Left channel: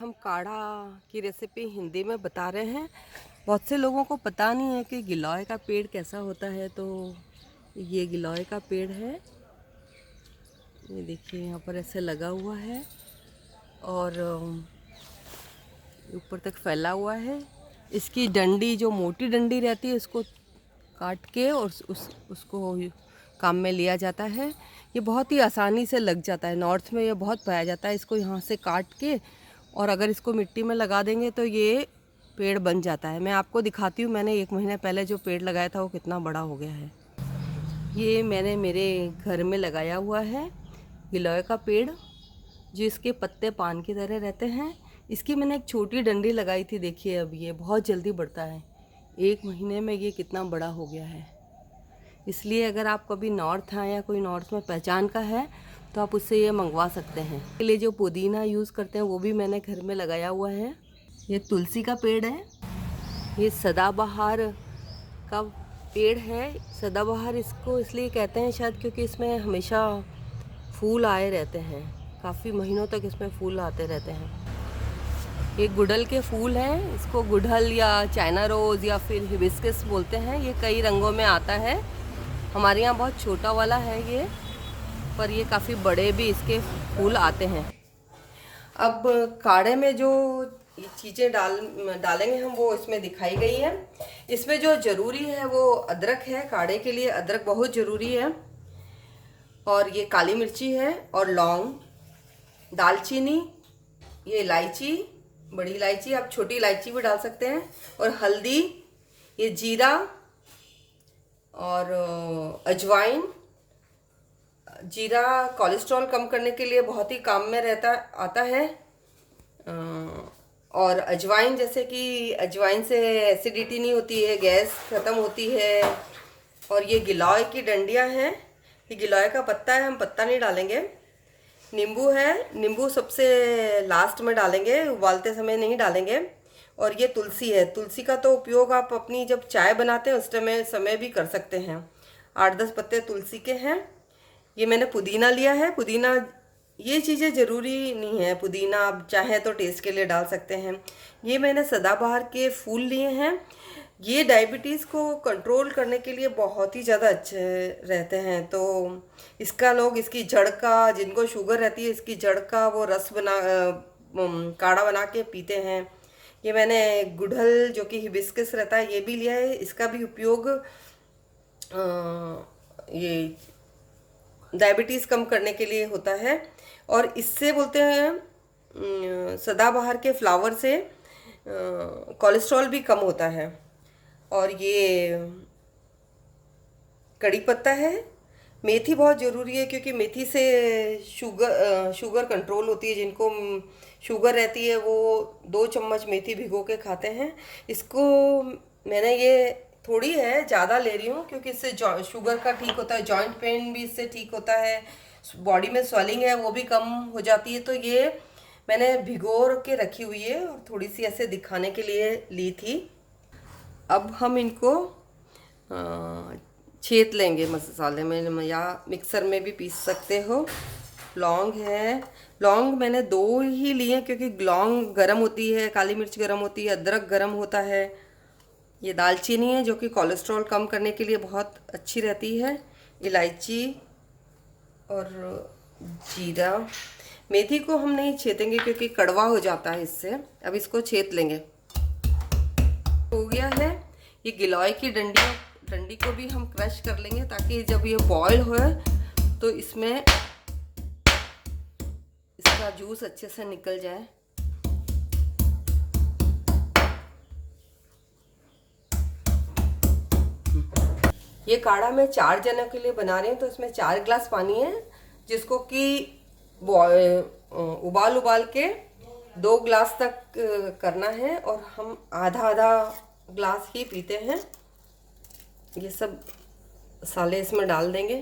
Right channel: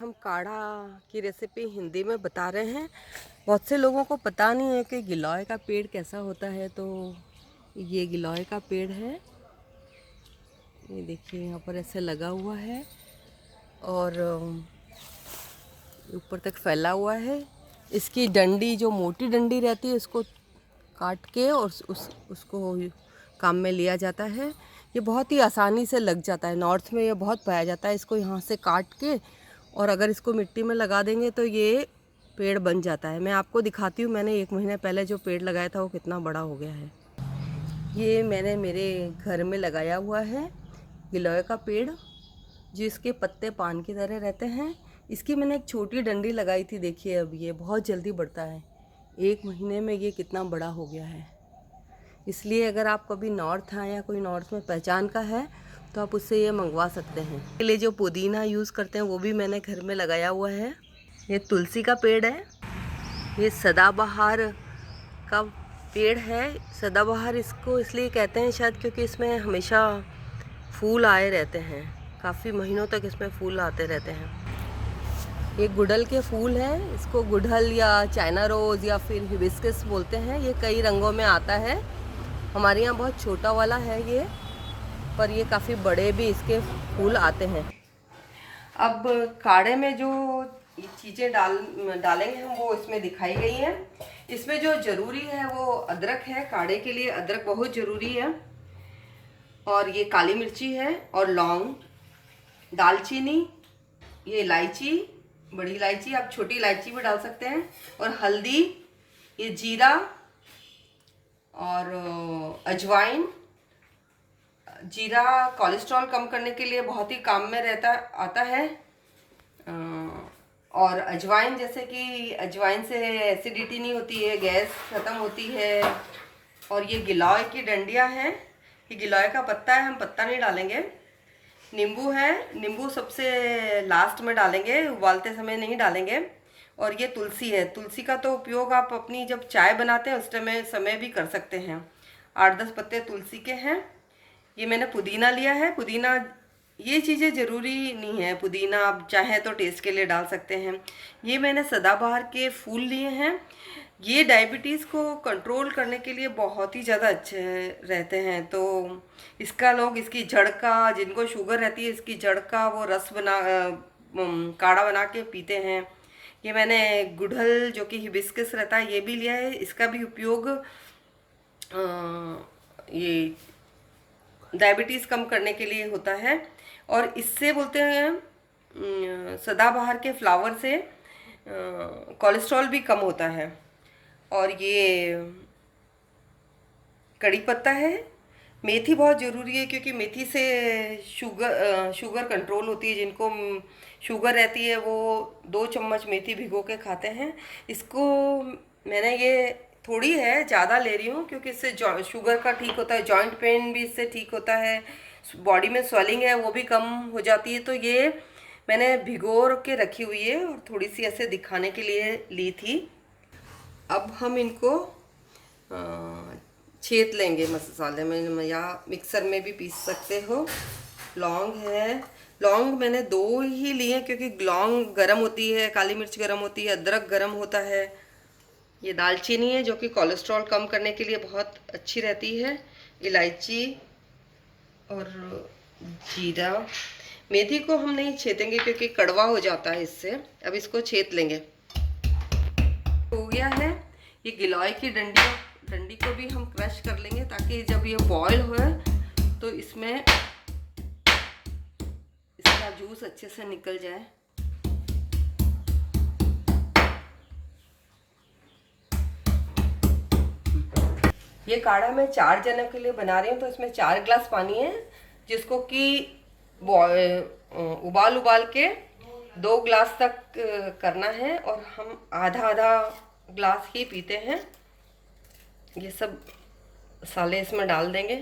हम काढ़ा की रेसिपी हिंदी में बता रहे हैं। बहुत से लोगों को पता नहीं है कि गिलोय का पेड़ कैसा होता है। तो ये गिलोय का पेड़ है, ये देखिए यहाँ पर ऐसे लगा हुआ है और ऊपर तक फैला हुआ है। इसकी डंडी, जो मोटी डंडी रहती है, इसको काट के और उसको काम में लिया जाता है। ये बहुत ही आसानी से लग जाता है, नॉर्थ में ये बहुत पाया जाता है। इसको यहाँ से काट के और अगर इसको मिट्टी में लगा देंगे तो ये पेड़ बन जाता है। मैं आपको दिखाती हूँ, मैंने 1 महीने पहले जो पेड़ लगाया था वो कितना बड़ा हो गया है। ये मैंने मेरे घर में लगाया हुआ है गिलोय का पेड़, जो इसके पत्ते पान की तरह रहते हैं। इसकी मैंने एक छोटी डंडी लगाई थी, देखिए अब ये बहुत जल्दी बढ़ता है। 1 महीने में ये कितना बड़ा हो गया है। इसलिए अगर आप कभी नॉर्थ आए या कोई नॉर्थ में पहचान का है तो आप उससे ये मंगवा सकते हैं। इसके लिए जो पुदीना यूज़ करते हैं वो भी मैंने घर में लगाया हुआ है। ये तुलसी का पेड़ है, ये सदाबहार का पेड़ है। सदाबहार इसको इसलिए कहते हैं शायद क्योंकि इसमें हमेशा फूल आए रहते हैं, काफ़ी महीनों तक इसमें फूल आते रहते हैं। ये गुड़हल के फूल हैं, इसको गुड़हल या चाइना रोज़ या फिर हिबिस्कस बोलते हैं। ये कई रंगों में आता है। हमारे यहाँ बहुत छोटा वाला है ये, पर ये काफ़ी बड़े भी इसके फूल आते हैं। अब काढ़े में जो चीज़ें डालेंगे हम वो इसमें दिखाई गई हैं। इसमें जो ज़रूरी है वो अदरक है। काढ़े के लिए अदरक बहुत ज़रूरी है। और ये काली मिर्ची है और लौंग, दालचीनी, ये इलायची, बड़ी इलायची, आप छोटी इलायची भी डाल सकते हैं, और हल्दी, ये जीरा और अजवाइन। जीरा कोलेस्ट्रॉल कम करने के लिए बहुत ही काम में आता है। और अजवाइन, जैसे कि अजवाइन से एसिडिटी नहीं होती है, गैस ख़त्म होती है। और ये गिलोय की डंडियाँ हैं, ये गिलोय का पत्ता है, हम पत्ता नहीं डालेंगे। नींबू है, नींबू सबसे लास्ट में डालेंगे, उबालते समय नहीं डालेंगे। और ये तुलसी है। तुलसी का तो उपयोग आप अपनी जब चाय बनाते हैं उस समय भी कर सकते हैं। 8-10 पत्ते तुलसी के हैं। ये मैंने पुदीना लिया है। पुदीना, ये चीज़ें ज़रूरी नहीं है, पुदीना आप चाहें तो टेस्ट के लिए डाल सकते हैं। ये मैंने सदाबहार के फूल लिए हैं। ये डायबिटीज़ को कंट्रोल करने के लिए बहुत ही ज़्यादा अच्छे रहते हैं। तो इसका लोग, इसकी जड़ का, जिनको शुगर रहती है, इसकी जड़ का वो रस काढ़ा बना के पीते हैं। ये मैंने गुड़हल, जो कि हिबिस्कस रहता है, ये भी लिया है। इसका भी उपयोग ये डायबिटीज़ कम करने के लिए होता है। और इससे बोलते हैं सदाबहार के फ्लावर से कोलेस्ट्रॉल भी कम होता है। और ये कड़ी पत्ता है। मेथी बहुत ज़रूरी है क्योंकि मेथी से शुगर कंट्रोल होती है। जिनको शुगर रहती है वो 2 चम्मच मेथी भिगो के खाते हैं। इसको मैंने, ये थोड़ी है, ज़्यादा ले रही हूँ क्योंकि इससे शुगर का ठीक होता है, जॉइंट पेन भी इससे ठीक होता है, बॉडी में स्वेलिंग है वो भी कम हो जाती है। तो ये मैंने भिगो के रखी हुई है और थोड़ी सी ऐसे दिखाने के लिए ली थी। अब हम इनको छेद लेंगे मसाले में, या मिक्सर में भी पीस सकते हो। लौंग है, लौंग मैंने 2 ही लिए क्योंकि लौंग गरम होती है, काली मिर्च गरम होती है, अदरक गरम होता है। ये दालचीनी है जो कि कोलेस्ट्रॉल कम करने के लिए बहुत अच्छी रहती है। इलायची और जीरा। मेथी को हम नहीं छेदेंगे क्योंकि कड़वा हो जाता है इससे। अब इसको छेद लेंगे। हो गया है। ये गिलोय की डंडी को भी हम क्रश कर लेंगे ताकि जब ये बॉयल हो तो इसमें इसका जूस अच्छे से निकल जाए। ये काढ़ा मैं 4 जनों के लिए बना रही हूँ, तो इसमें 4 गिलास पानी है, जिसको कि उबाल के 2 गिलास तक करना है। और हम आधा गिलास ही पीते हैं। ये सब मसाले इसमें डाल देंगे।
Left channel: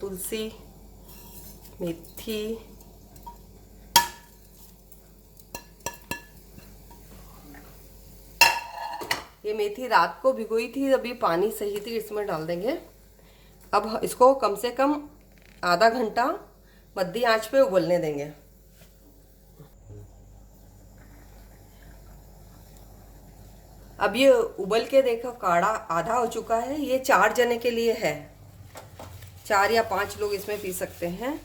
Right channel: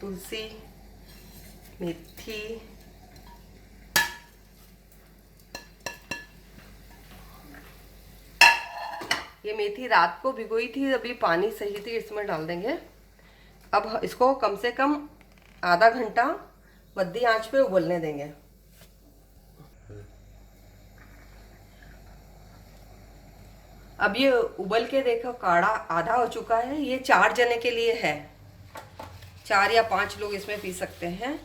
तुलसी, मेथी, ये मेथी रात को भिगोई थी, अभी पानी सही थी, इसमें डाल देंगे। अब इसको कम से कम आधा घंटा मध्य आंच पे उबलने देंगे। अब ये उबल के देखो काढ़ा आधा हो चुका है। ये 4 जने के लिए है, 4 या 5 लोग इसमें पी सकते हैं।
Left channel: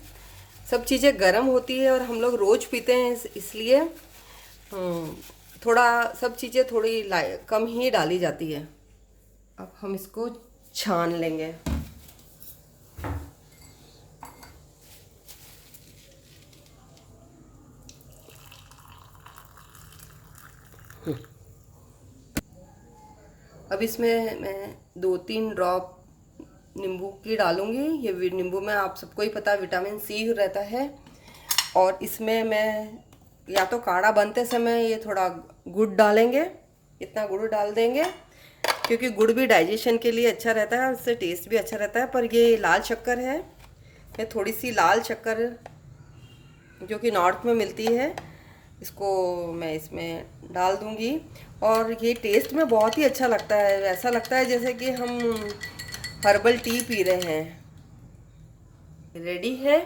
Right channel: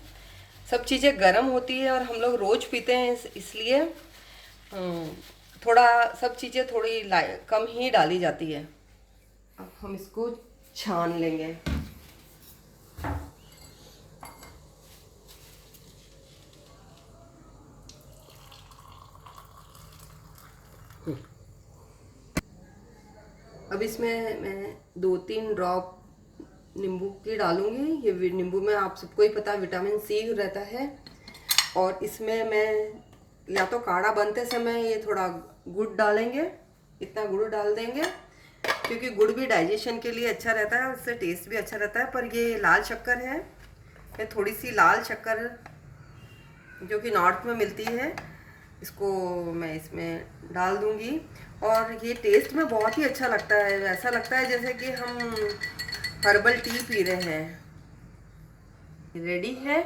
सब चीज़ें गर्म होती है और हम लोग रोज़ पीते हैं, इसलिए थोड़ा सब चीज़ें थोड़ी कम ही डाली जाती है। अब हम इसको छान लेंगे। अब इसमें मैं 2-3 ड्रॉप नींबू की डालूंगी। ये नींबू में आप सबको ही पता है विटामिन सी रहता है। और इसमें मैं या तो काढ़ा बनते समय ये थोड़ा गुड़ डालेंगे, इतना गुड़ डाल देंगे क्योंकि गुड़ भी डाइजेशन के लिए अच्छा रहता है, उससे टेस्ट भी अच्छा रहता है। पर ये लाल शक्कर है, ये थोड़ी सी लाल शक्कर जो कि नॉर्थ में मिलती है, इसको मैं इसमें डाल दूंगी। और ये टेस्ट में बहुत ही अच्छा लगता है, ऐसा लगता है जैसे कि हम हर्बल टी पी रहे हैं। रेडी है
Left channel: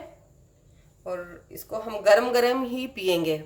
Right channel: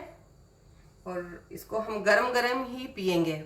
और इसको हम गरम गरम ही पियेंगे।